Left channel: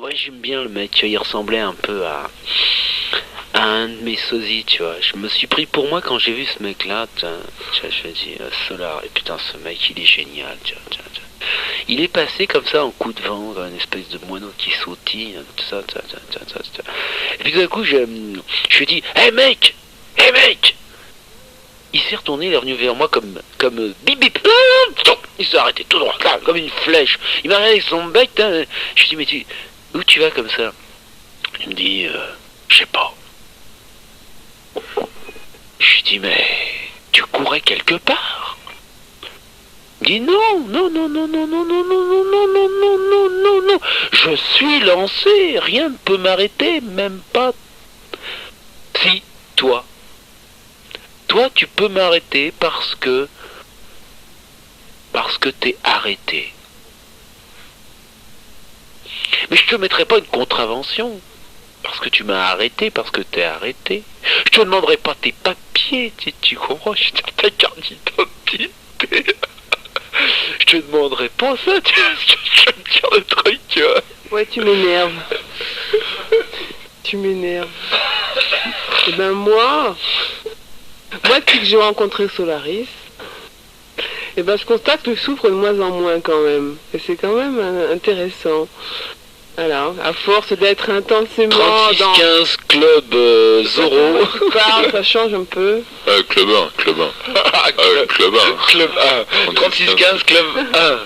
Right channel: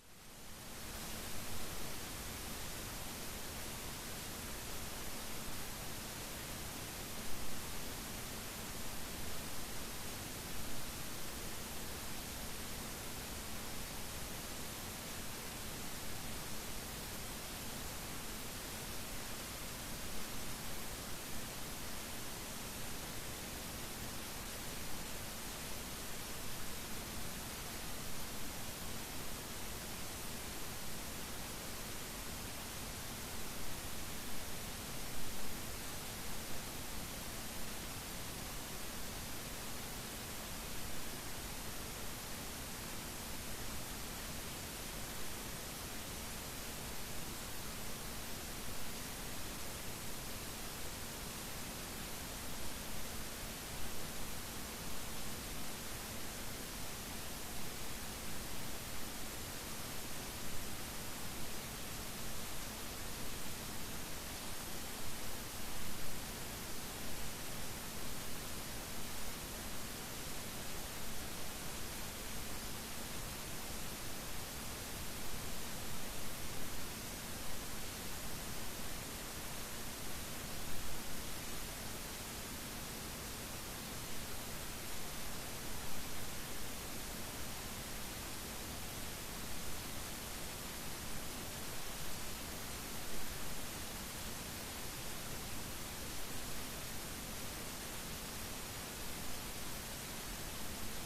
Ouais, j'aime bien le mec, tu vois, il ressemblait un peu à un de mes sosies, tu vois. Je me suis pris pour moi quand j'ai vu ce mec-là, tu vois, je me dis, Solar, et putain, ce mec, il est génial, tu vois, tu vois, tu vois. Il est passé comme ça en coup de vent, dans une espèce de moineau qui sautille, tout ça, tu vois, tu vois, tu vois, tu vois, tu vois. Et puis d'un coup, je lui dis, hé mec, hé mec! Il s'est retourné, il est revenu vers moi comme bip bip. Il s'est arrêté tout droit, là, comme une flèche. Il m'a regardé avec son bec. Hein. Je lui dis, mais où tu vas comme ça? Il me dit, je sais pas. Je lui dis, mais tu courais quelque part? Il dit, non, non, non, non, non, non, non, non, non, non, non, non, non, non, non. Je suis lancé, rien ne peut m'arrêter, même pas. Si, toi. Toi, tu peux m'arrêter parce que t'es arrêté. Mais je te mettrai pas une contravention. Parce que tu m'as arrêté, parce que t'es arrêté. Je te demanderai pas tes papiers, tu comprends? Je te ta carte d'identité. Je te demanderai pas ça, tu vois, je vais te dire le truc, tu vois. Ouais, tu m'énerves. Tu m'énerves. Et ben moi, depuis que j'ai rencontré Solaris, et ben je constate que je souffre de moins en moins quand même. Et c'est quand même intéressant. Voilà, à force d'être intensément 36-15 club Zoro. Parle, ça change un peu. Club 1, club 1. Club 1. Club 1. 36-15 club 1.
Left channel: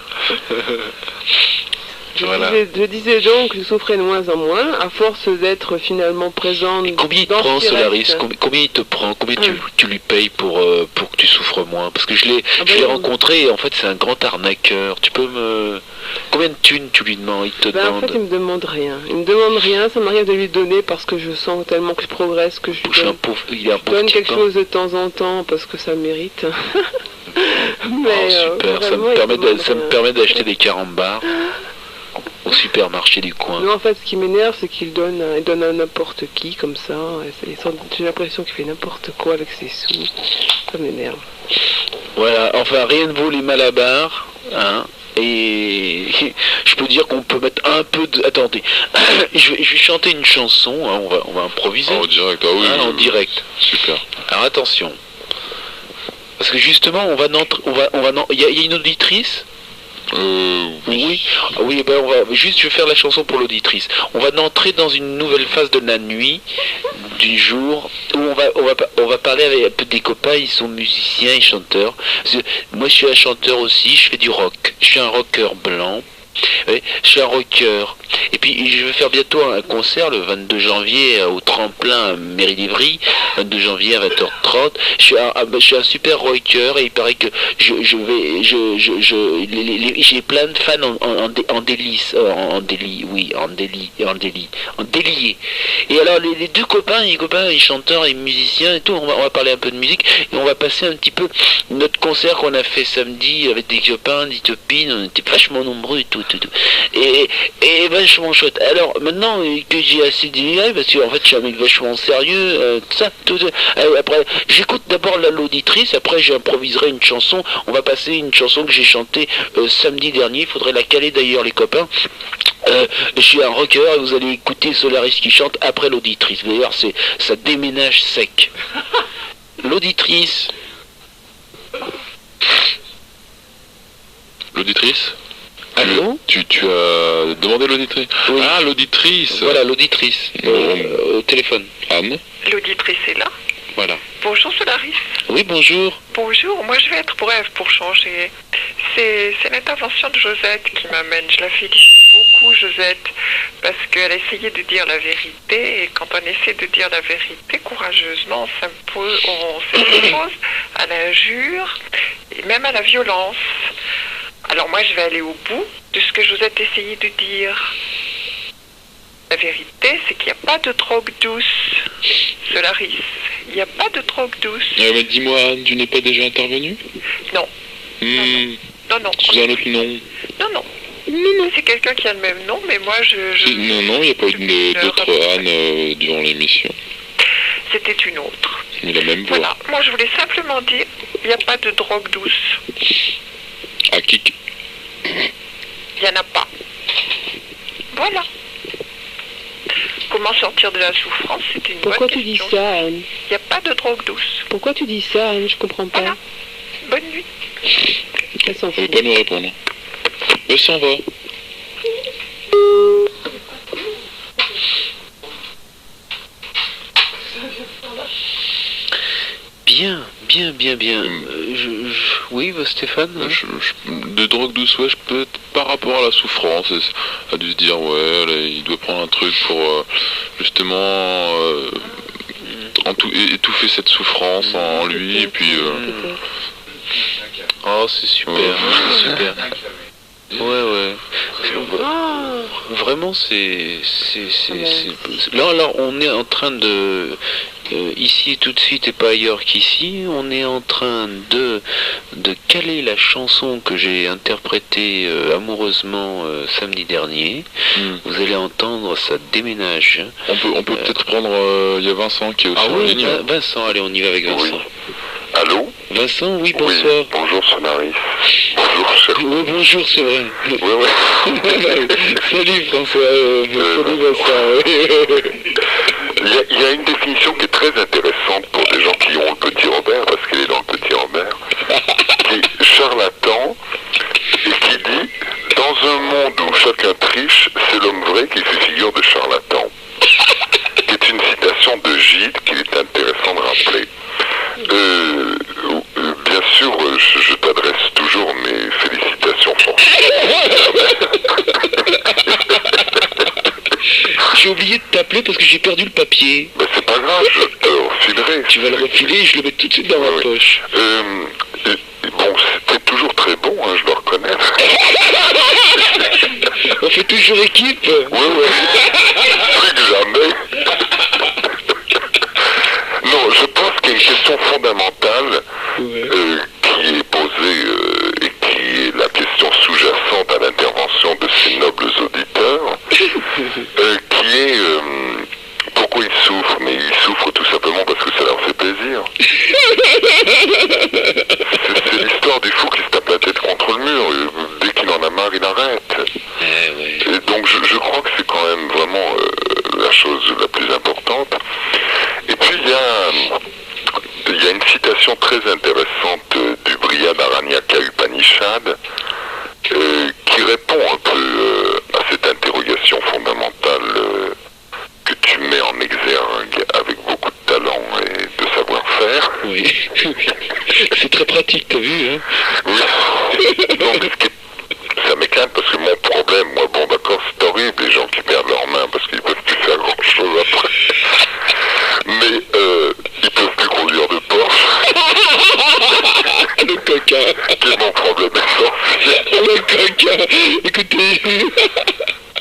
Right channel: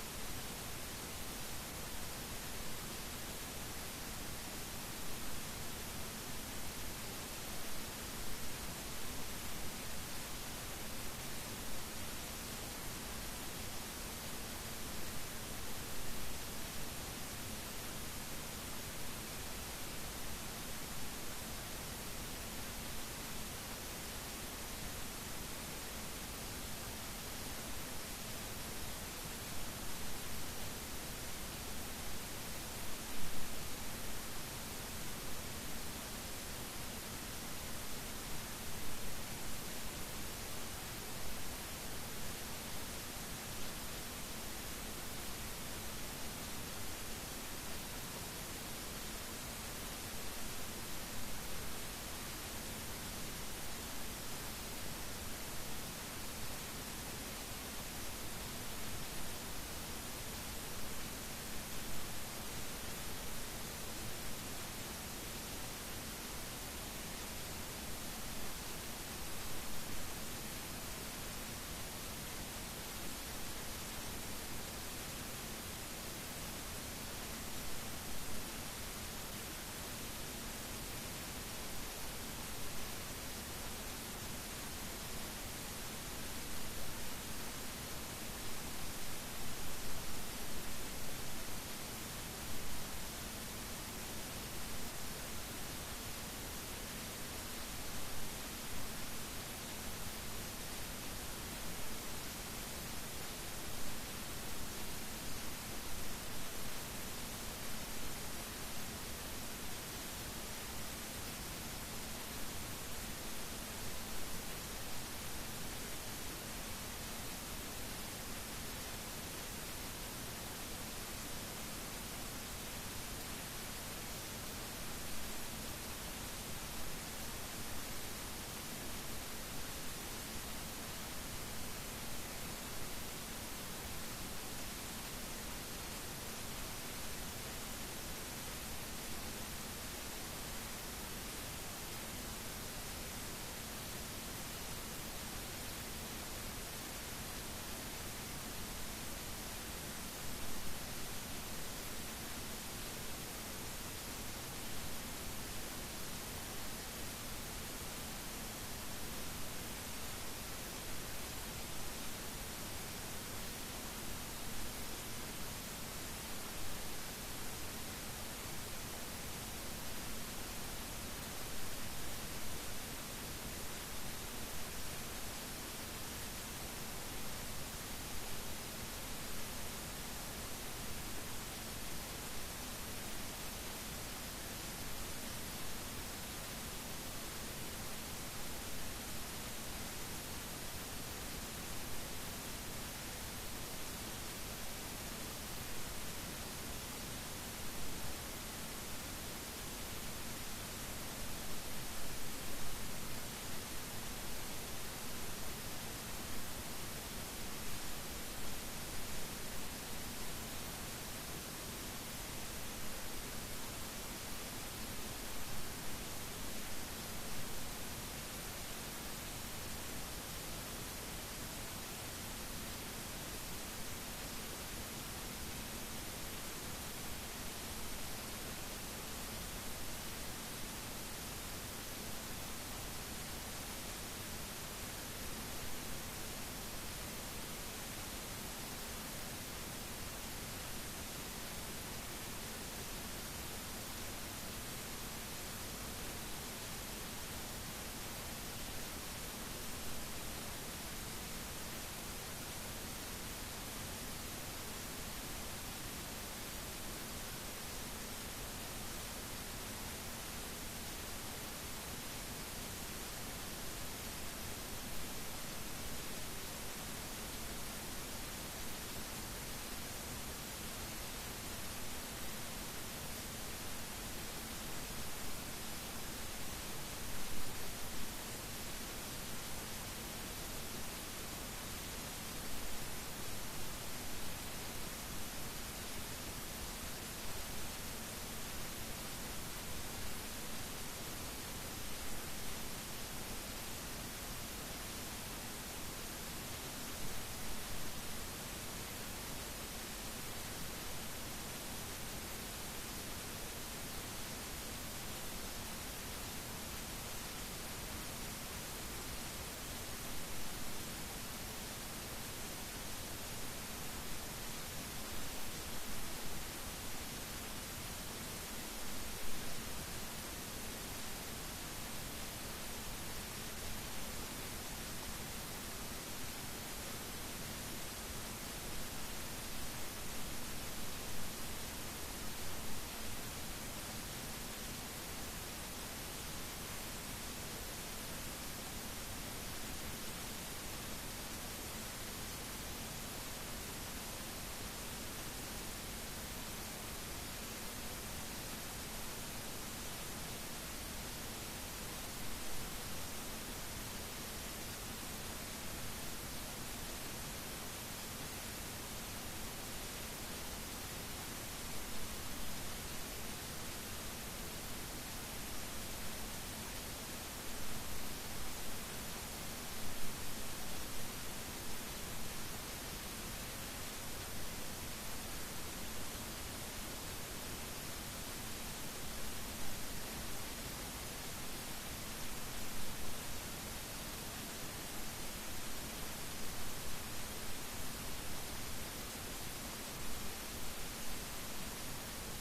Voilà. Je disais donc que je souffrais de moins en moins, à force d'être finalement présente. Et combien il te prend, Solaris? Combien il te prend? Combien tu lui payes pour que tu souffres moins? Parce que je l'ai rencontré et en fait c'est un grand arnaqueur. Tu peux me... Combien de thunes tu lui demandes? Il te demande... En fait il me demande rien. Il me demande rien, ça m'arrive de lui donner parce que je sens tellement que je progresse que je lui donne. Je donne quelque chose de temps en temps parce que ça mérite. Mais super, ça me permet d'acheter des carambars au supermarché du coin. Non, en fait, ce qui m'énerve, c'est qu'il donne à n'importe qui, comme ça. J'ai l'impression qu'il fait n'importe quoi avec ses sous. Ça m'énerve. Voilà, enfin, rien ne vaut les malabars, hein. Et je peux dire qu'on peut mettre un peu de... Attendez, je vais chanter une chanson, hein, on va improviser. En direct, ah oui. Hein, en direct. Super. Alors attention. Parce que justement, il y a une auditrice. Oui. Oui, ben je vais faire la chanson pour l'auditrice. On va entrer dans une nouvelle phase de la nuit, du jour, où on va parler avec des copains, ils sont musiciens et chanteurs. Moi je suis un chanteur aussi, je fais du rock. Je suis un rocker blanc. Oui, je suis un rocker. Et puis je vais faire bientôt un concert le 22 janvier au tremplin Mairie d'Ivry, 22 janvier à 20h30. Je suis un super rocker et il paraît que j'ai plein de fans en délice, en délié. Et alors les deux copains, les chanteurs et musiciens et tout, on va parler un peu de musique et on va passer un petit peu notre concert qu'on a fait samedi avec des copains, des copines, on était vachement nombreux et tout. Et vachement chouette. Alors maintenant que j'ai assez d'idées, parce qu'en fait je suis un mec vachement sérieux, après j'écoute d'abord l'auditrice, après j'improviserai une chanson. On va passer une chanson que j'ai chantée samedi dernier, il faudrait la caler d'ailleurs les copains. Je suis un rocker et vous allez écouter Solaris qui chante après l'auditrice. Vous allez voir, ça déménage sec. L'auditrice. L'auditrice? Allô? Tu as demandé l'auditrice? Oui. Ah, l'auditrice. Voilà, l'auditrice. Au téléphone. Anne? L'auditrice est là. Voilà. Bonjour Solaris. Oui, bonjour. Bonjour, moi je vais être brève pour changer. C'est l'intervention de Josette qui m'amène. Je la félicite beaucoup, Josette, parce qu'elle a essayé de dire la vérité, et quand on essaie de dire la vérité courageusement, on s'impose à l'injure et même à la violence. Alors moi je vais aller au bout de ce que Josette essayait de dire. La vérité, c'est qu'il n'y a pas de drogue douce, Solaris. Il n'y a pas de drogue douce. Mais dis-moi, Anne, tu n'es pas déjà intervenue? Non. Non. Sous un autre nom? Non. C'est quelqu'un qui a le même nom, mais moi Non, il n'y a pas une d'autre Anne durant l'émission. C'était une autre. Mais la même voix. Voilà, moi je voulais simplement dire, il n'y a pas de drogue douce. À qui? Il n'y en a pas. Voilà. comment sortir de la souffrance, c'est une Pourquoi bonne tu dis question. ça, Anne? Il n'y a pas de drogue douce. Pourquoi tu dis ça, Anne? Je comprends pas. Voilà. Bonne nuit. Elle s'en Elle veut fout. pas nous répondre. Elle s'en va. Bien. Oui, Stéphane hein. De drogue douce, ouais, peut-être par rapport à la souffrance, elle a dû se dire, ouais, là, il doit prendre un truc pour justement étouffer cette souffrance en lui, et puis... Oh, c'est super, Ouais. c'est super. Ouais. Ah, Vraiment, Là, on est en train de... ici, tout de suite, et pas ailleurs qu'ici, on est en train de caler la chanson que j'ai interprétée amoureusement samedi dernier. Vous allez entendre, ça déménage. On peut peut-être prendre... Il y a Vincent qui est aussi Ah en oui, ligne. Vincent, allez, on y va avec Vincent. Oui. Allô? Vincent, oui, Oui, bonsoir. bonjour Sonaris. Bonjour cher. Oui, bonjour, c'est vrai. Ouais. Salut François, salut Vincent. Il y a une définition qui est très intéressante pour des gens qui ont le petit Robert, parce qu'elle est dans le petit Robert, qui est charlatan, et qui dit, dans un monde où chacun triche, c'est l'homme vrai qui fait figure de charlatan. Qui est une citation de Gide qu'il est intéressant de rappeler. Bien sûr, je t'adresse toujours mes félicitations J'ai oublié de t'appeler parce que j'ai perdu le papier. Ben, c'est pas grave, je te refilerai. Tu vas le refiler et je le mets tout de suite dans ma Oui. poche. Bon, c'était toujours très bon, hein, je dois reconnaître. On fait toujours équipe. Ouais. Plus que jamais. Non, je pense qu'il y a une question fondamentale qui est posée et qui est la question sous-jacente à l'intervention de ces nobles auditeurs, qui est pourquoi ils souffrent. Mais ils souffrent tout simplement parce que ça leur fait plaisir. C'est l'histoire du fou qui se tape la tête contre le mur. Dès qu'il en a marre, il arrête. Et donc je crois que c'est quand même vraiment la chose la plus importante. Et puis il y a une citation très intéressante du Brihad Aranyaka Upanishad qui répond un peu à cette interrogation fondamentale que tu mets en exergue avec beaucoup de talent et de savoir-faire. Oui. C'est très pratique, t'as vu, hein? Oui. Donc, ça m'éclate parce que mon problème, moi, bon d'accord, c'est horrible, les gens qui perdent leurs mains parce qu'ils peuvent plus faire grand-chose après. Mais ils peuvent plus conduire de Porsche. Le coquin. C'est mon problème essentiel. Le coquin. Écoutez.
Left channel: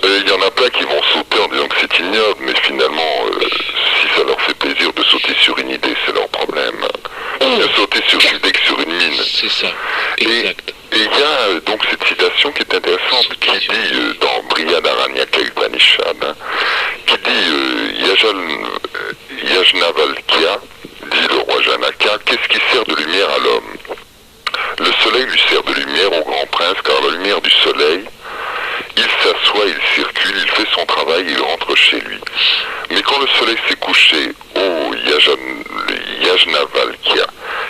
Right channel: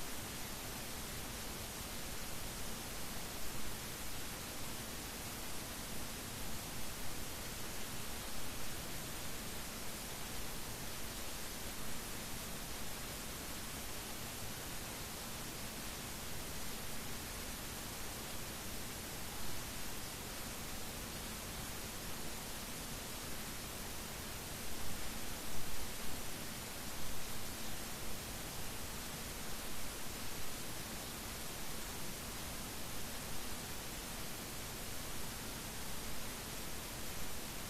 Il y en a plein qui vont sauter en disant que c'est ignoble, mais finalement, si ça leur fait plaisir de sauter sur une idée, c'est leur problème. Bien sauter sur une idée que sur une mine. C'est ça. Exact. Et il y a donc cette citation qui est intéressante, qui dit dans Brihad Aranyaka Upanishad, qui dit Yajnavalkya, dit le roi Janaka, qu'est-ce qui sert de lumière à l'homme? Le soleil lui sert de lumière au grand prince, car la lumière du soleil, il s'assoit, il circule, il fait son travail, il rentre chez lui. Mais quand le soleil s'est couché, Yajnavalkya,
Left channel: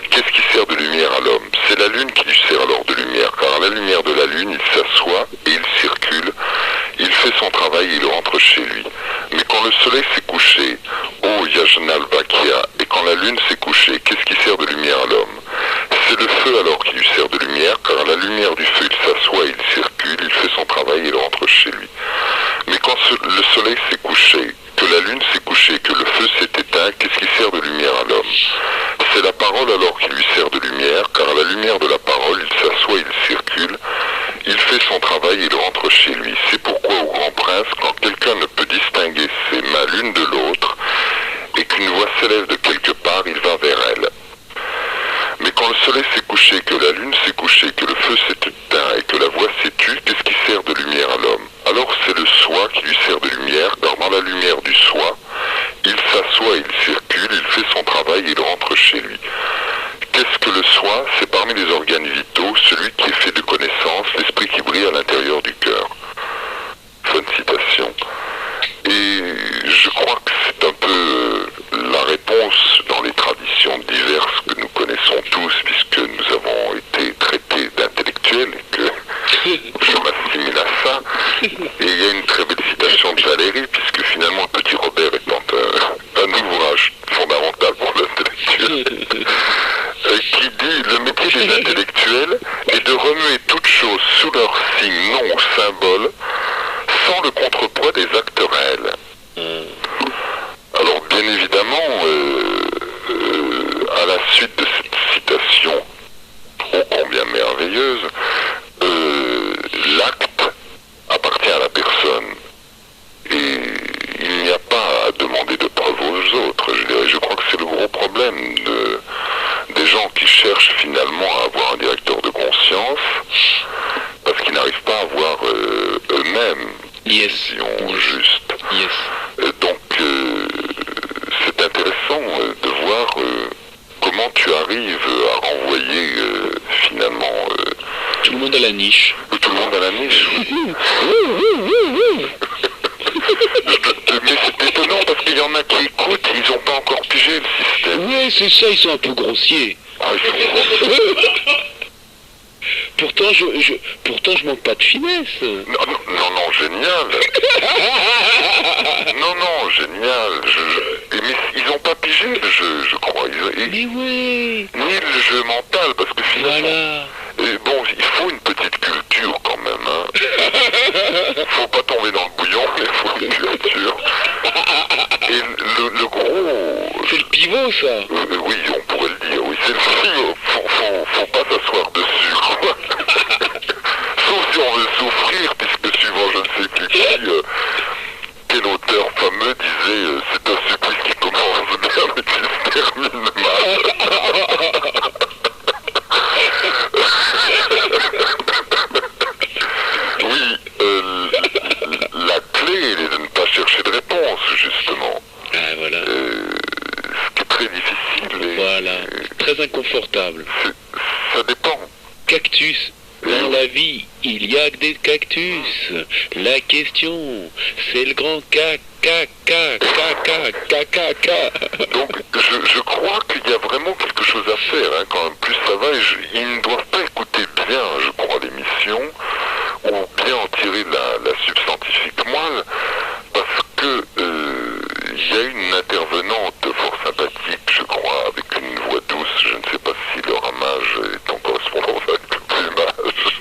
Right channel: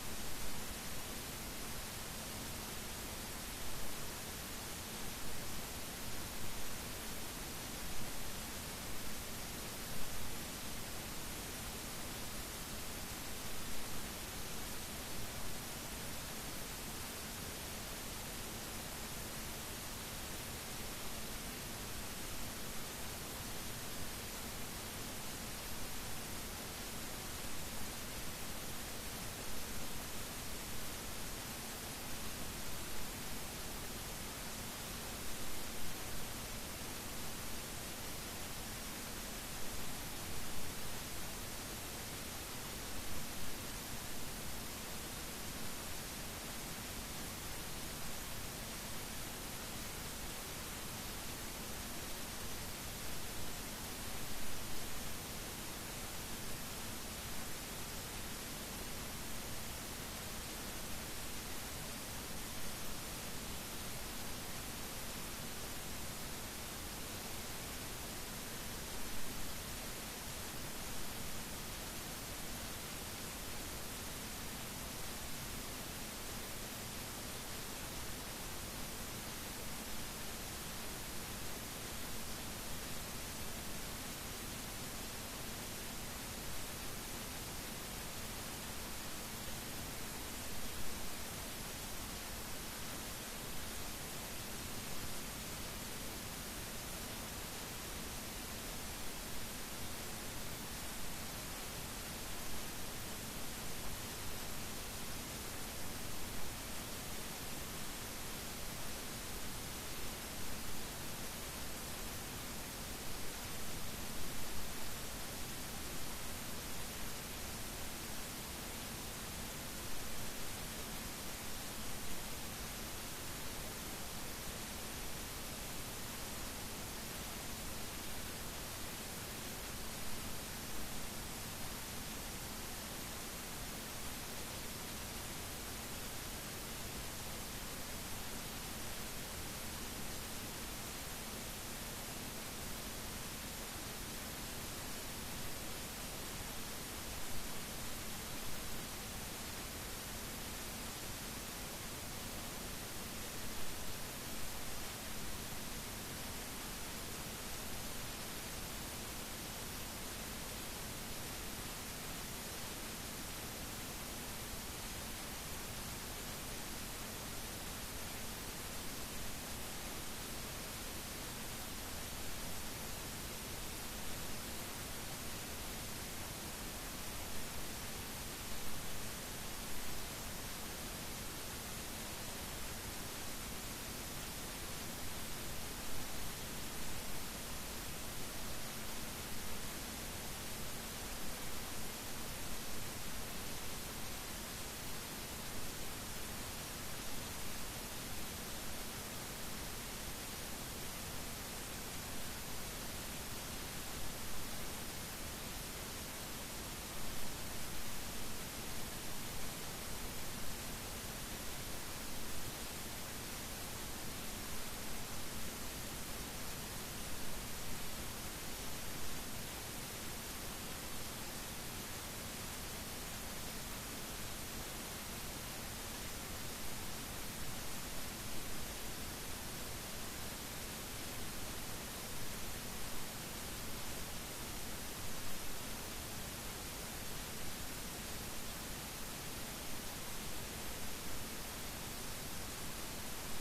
qu'est-ce qui sert de lumière à l'homme? C'est la lune qui lui sert alors de lumière, car à la lumière de la lune, il s'assoit et il circule, il fait son travail et il rentre chez lui. Mais quand le soleil s'est couché, Yajnavalkya, et quand la lune s'est couchée, qu'est-ce qui sert de lumière à l'homme? C'est le feu alors qui lui sert de lumière, car à la lumière du feu, il s'assoit, il circule, il fait son travail et il rentre chez lui. Mais quand le soleil s'est couché, que la lune s'est couchée, que le feu s'est éteint, qu'est-ce qui sert de lumière à l'homme? C'est la parole alors qui lui sert de lumière, car à la lumière de la parole, il s'assoit, il circule, il fait son travail et il rentre chez lui. C'est pourquoi au grand prince, quand quelqu'un ne peut distinguer ses mains l'une de l'autre, et qu'une voix s'élève de quelque part, il va vers elle. Mais quand le soleil s'est couché, que la lune s'est couchée, que le feu s'est éteint et que la voix s'est tue, qu'est-ce qui sert de lumière à l'homme? Alors c'est le soi qui lui sert de lumière, car dans la lumière du soi, il s'assoit, il circule, il fait son travail et il rentre chez lui. Qu'est-ce que le soi? C'est parmi les organes vitaux, celui qui est fait de connaissance, l'esprit qui brille à l'intérieur du cœur. Fin de citation. il y a une très belle citation de Valérie, puisque finalement le petit Robert étant un ouvrage fondamental pour l'intellectuel, qui dit: le métier des intellectuels est de remuer toutes choses sous leur signe, nom ou symbole, sans le contrepoids des actes réels. Alors bien évidemment, à la suite de cette citation ô combien merveilleuse, l'acte appartient à la personne. Et il n'y a pas à demander de preuves aux autres, je dirais. Je crois que c'est le gros problème des gens qui cherchent finalement à avoir un directeur de conscience, parce qu'ils n'arrivent pas à voir eux-mêmes une vision juste. Donc c'est intéressant de voir comment tu arrives à renvoyer finalement tout le monde à la niche. Tout le monde à la niche. Mais c'est étonnant parce qu'il y en a qui écoutent, ils n'ont pas encore pigé le système. Oui, c'est ça, ils sont un peu grossiers. Ah, ils sont grossiers. Pourtant, je manque pas de finesse. Non, génial. Non, génial. Mais ils n'ont pas pigé le jeu, je crois. Mais oui. Ni le jeu mental, parce que finalement... Voilà. Bon, il faut une petite culture quand même. Hein. Faut pas tomber dans le bouillon, mais il faut une culture. Et le gros... C'est le pivot, ça. Oui, on pourrait le dire. Oui, c'est le pivot. Faut pas s'asseoir dessus, quoi. Sauf si on veut souffrir, puisque suivant je ne sais plus qui, quel auteur fameux disait c'est un supplice qui commence bien mais qui se termine mal. Oui, la clé elle est de ne pas chercher de réponse, justement. Ah, voilà. Ce qui est très difficile. Voilà, très inconfortable. Ça dépend. Cactus. Dans la vie, il y a que des cactus. La question, c'est le grand Donc, je crois qu'il y a vraiment quelque chose à faire, hein, quand même. Plus ça va, ils ne doivent pas écouter bien, je crois, l'émission, ou bien en tirer la substantifique moelle, parce que il y a une intervenante fort sympathique, je crois, avec une voix douce, je ne sais pas si le ramage est en correspondance avec le plumage,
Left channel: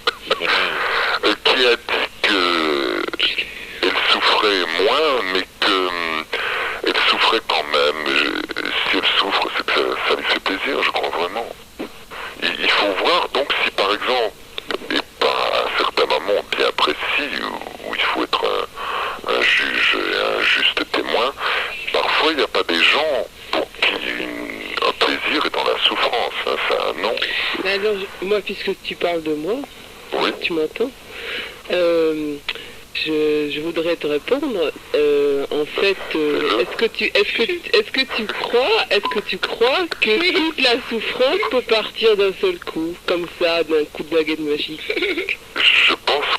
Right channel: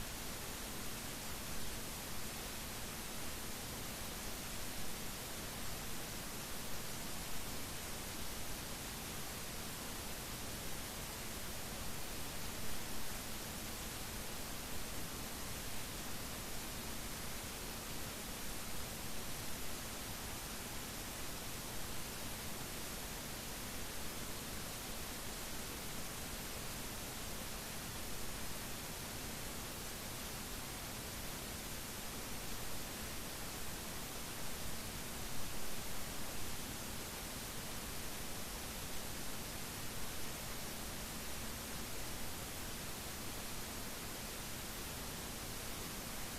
qui a dit qu'elle souffrait moins, mais qu'elle souffrait quand même. Si elle souffre, c'est que ça lui fait plaisir, je crois vraiment. Il faut voir donc si par exemple, et par un certain moment bien précis, où il faut être un juge et un juste témoin, parfois il n'y a pas des gens pour qui un plaisir est dans la souffrance, hein, ça, non. Alors, moi, puisque tu parles de moi, Oui. tu m'entends, je voudrais te répondre. En fait, est-ce que tu crois que toute la souffrance peut partir d'un seul coup, comme ça, d'un coup de baguette magique? Je pense